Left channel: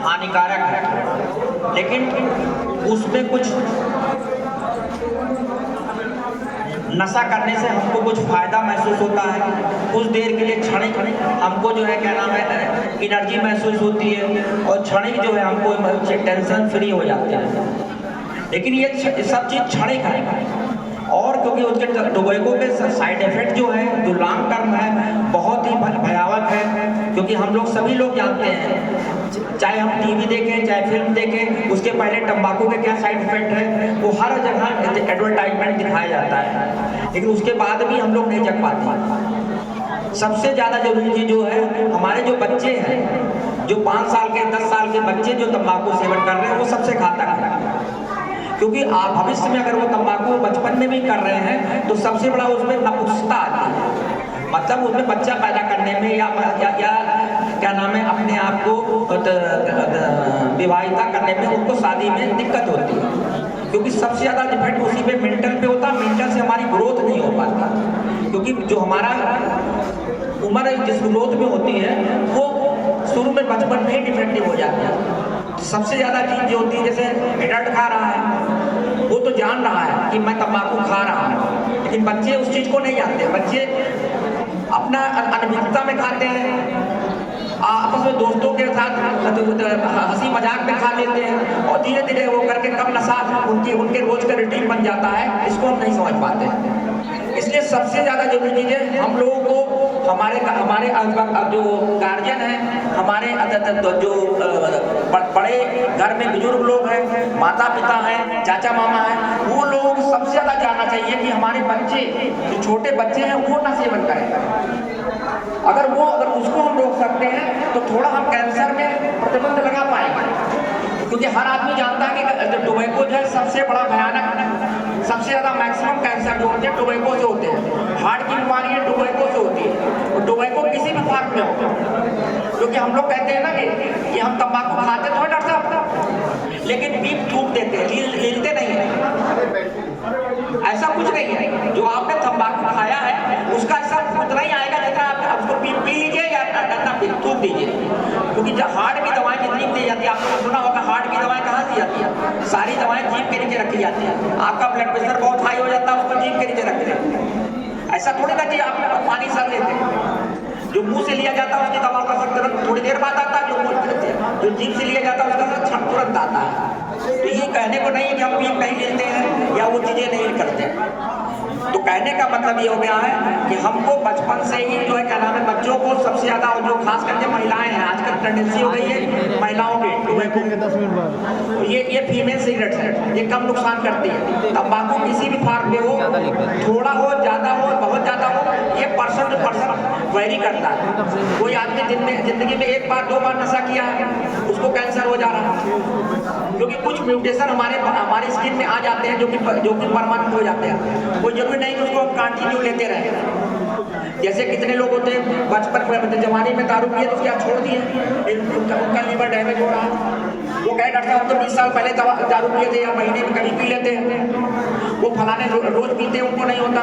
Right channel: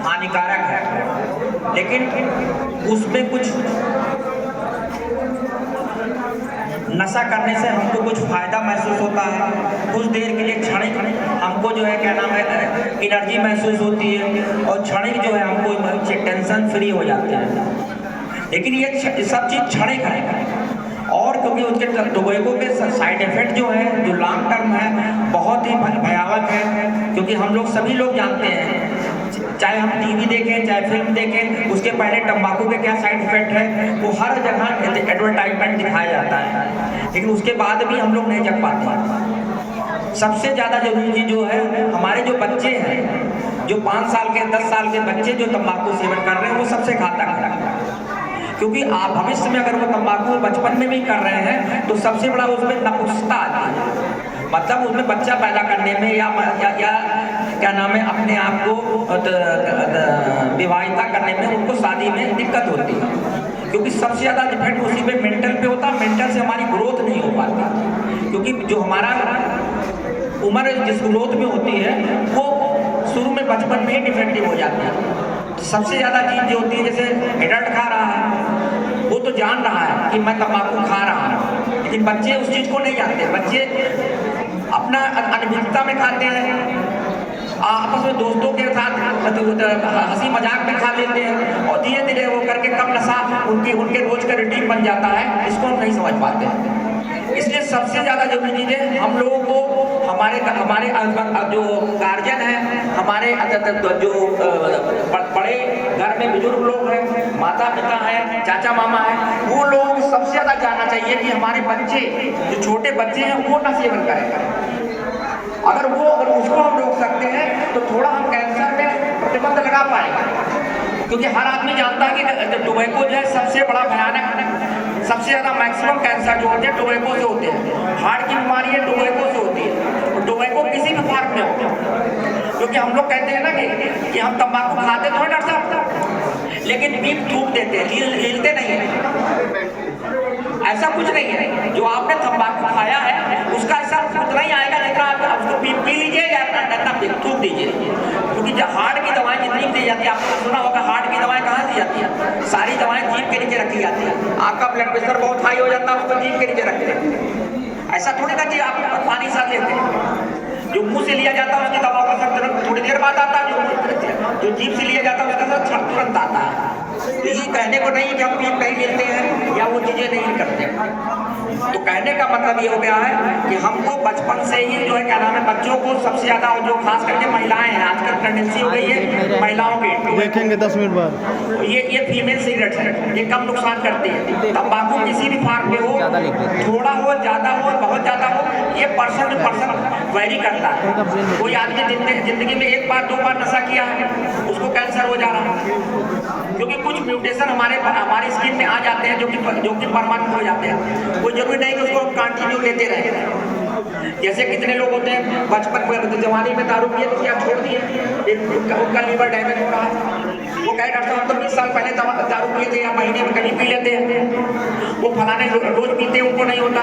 हानिकारक है, लेकिन उसमें कुछ नशा करने से हमको कुछ फ़ायदा महसूस होता है, कुछ देर के लिए क्षणिक हमको जो है क्या नाम है एनर्जी महसूस होती है और क्षणिक जो है हमको टेंशन फ्री हो जाता है। लेकिन ये सब चीज़ क्षणिक है और क्योंकि उसके टोबैको के साइड इफेक्ट जो है जो लॉन्ग टर्म है बहुत ही भयावह है। क्योंकि हम लोग सभी लोग जानते हैं, चाहे हम टीवी देखें चाहे फिल्म देखें, उसके पहले तंबाकू के क्या साइड इफेक्ट है वो हर जगह एडवर्टाइजमेंट दिखाया जाता है, लेकिन उसके बाद भी हम लोग नहीं जग पाते। सबसे ज़्यादा जरूरी चीज़ जो है हमारे जो बच्चे हैं, जो 5 साल के 10 साल के बच्चे जो तंबाकू सेवन कर रहे हैं वो सबसे घातक है। क्योंकि आप भविष्य में अगर वो तंबाकू बचपन में भी कर रहे हैं तो सबसे बड़ा उसमें नपुंसकता आती है, मतलब उसमें बच्चा पैदा करने में या क्या नाम है अपने आप को विवाहिता करने में उनको शादी में दिक्कत होती है। क्योंकि सबसे ज़्यादा डिपेंड उसी पे मेंटल पे होता है, मेंटल से हमारी ग्रोथ नहीं हो पाता। क्योंकि जो हमारा उम्र जिस ग्रोथ में होती है वो शुरू में बचपन में ही डिफेक्टिव हो जाती है। तो सबसे ज़्यादा चीज़ जो होती है, जैसे एडल्ट खा रहा है वो तो जान रहा है कि मैं तंबाकू खा रहा हूँ, लेकिन बच्चे उस चीज़ को नहीं जानते। बच्चे अपना अनभिज्ञता में खाते हैं, आपस में दोस्तों के साथ हंसी मजाक में खा लेते हैं और धीरे धीरे वो करके कम नशा उनके रोज का रूटीन बन जाता है। इसको हम नहीं समझ पाते हैं। इसलिए सबसे ज़्यादा जरूरी चीज़ है हम लोगों को हमारे जो गार्जियन हैं, हमारे जो बड़े घर में बुजुर्ग लोग हैं, माता पिता हैं, चाचा मामा हैं, वो लोगों को सबसे ज़्यादा जानना चाहिए कि हमारे बच्चे जो छोटे बच्चे हैं वो न सेवन करें। अगर उसको हम रोक सकते हैं तो थोड़ा हम कैंसर में प्रतिबंध लगा पाएंगे। क्योंकि हर आदमी जानता है कि टोबैको जो है सबसे बड़ा भयानक, सबसे ज़्यादा मैक्सिमम कैंसर जो होते हैं टोबैको से होते हैं। हार्ट की बीमारी है टोबैको से होती है और टोबैको किसी भी फॉर्म में होता है। क्योंकि हम लोग कहते हैं ना कि हम तंबाकू खाते तो है डॉक्टर साहब, लेकिन पीप थूक देते हैं, हिलते नहीं है। ऐसा कुछ नहीं है, जो आपने तंबाकू खाया है उसका ऐसा उतना ही आएगा जितना आप उसको पी लीजिए या डंडा थूक दीजिए। क्योंकि जब हार्ट की दवाएं जितनी दी जाती है, आपने सुना होगा हार्ट की दवाएं कहाँ दी जाती है, सारी दवाएं जीभ के नीचे रखी जाती है। आपका ब्लड प्रेशर बहुत हाई हो जाता है उसको जीभ के नीचे रखते हैं। ऐसा थोड़ी ना कि आप पानी साथ लेते हैं, जो मुंह से लिया जाता है उसकी दवा का असर थोड़ी देर बाद आता है, जो जीभ से लिया जाता है उसका असर तुरंत आता है। तो ये कहने को नहीं कि हम पीप नहीं लेते हैं या वो चीज़ें नहीं करते। तो कहने का मतलब ये हो गया है कि हमको बचपन से ही जो है क्या नाम है बच्चों को सबसे ज़्यादा, और जो खास करके महिलाएं हैं, आजकल टेंडेंसी हो गई है महिलाओं की, देखेंगे 10 मिनट बाद, ये फीमेल सिगरेट है, ये कम नुकसान करती है। तंबाकू किसी भी फॉर्म में हो, थोड़ा हो ज़्यादा हो बहुत ज़्यादा हो, ये पर्सन टू पर्सन वैरी करता है। कोई आदमी जिंदगी में 1 बार 2 बार नशा किया है उसको कैंसर हो जा रहा है, क्योंकि कुछ म्यूटेशन हमारे स्किन में आ जाते हैं जो कि परमानेंट हो जाते हैं। कोई जरूरी नहीं कि उसको हम कंटिन्यू लेते रहें। जैसे कितने लोग होते हैं बचपन जवानी में दारू पिए तो क्या छोड़ दिए, उनका लीवर डैमेज हो रहा है। वो कहे डॉक्टर हम तो 20 साल पहले दारू पिए थे या महीने में कभी पी लेते हैं, वो फलाने रोज पीते हैं उनको नहीं होता।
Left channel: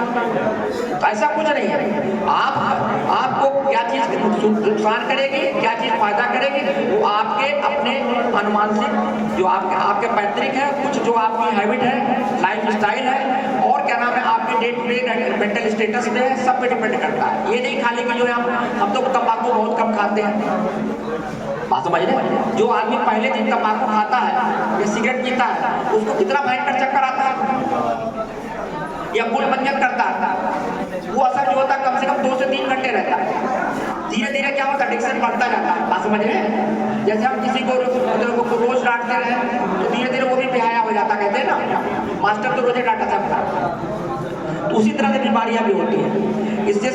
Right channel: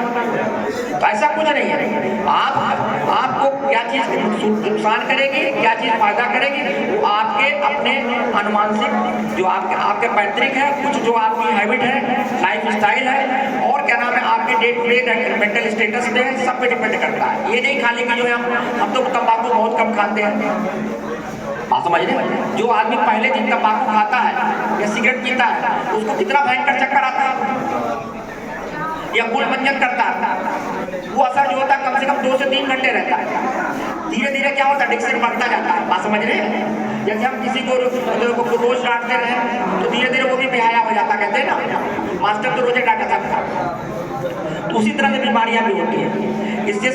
तो ऐसा कुछ नहीं है। आपको क्या चीज़ नुकसान करेगी, क्या चीज़ फायदा करेगी, वो आपके अपने अनुमानसिक जो आपके पैतृक है, कुछ जो आपकी हैबिट है, लाइफ स्टाइल है, और क्या नाम है आपके day to day mental status पे है, सब पे डिपेंड करता है। ये नहीं खाली कि जो है हम तो तंबाकू बहुत कम खाते हैं, बात समझ रहे। जो आदमी पहले दिन तंबाकू खाता है या सिगरेट पीता है उसको कितना भयंकर चक्कर आता है या मूल मंजन करता है, वो असर जो होता है कम से कम 2 से 3 घंटे रहता है। धीरे धीरे क्या होता है एडिक्शन बढ़ता जाता है, बात समझ रहे। जैसे हम किसी को रोज डांटते रहे तो धीरे धीरे वो भी बेहया हो जाता, कहते हैं ना मास्टर तो रोजे डांटा था। तो उसी तरह की बीमारियां भी होती है। इससे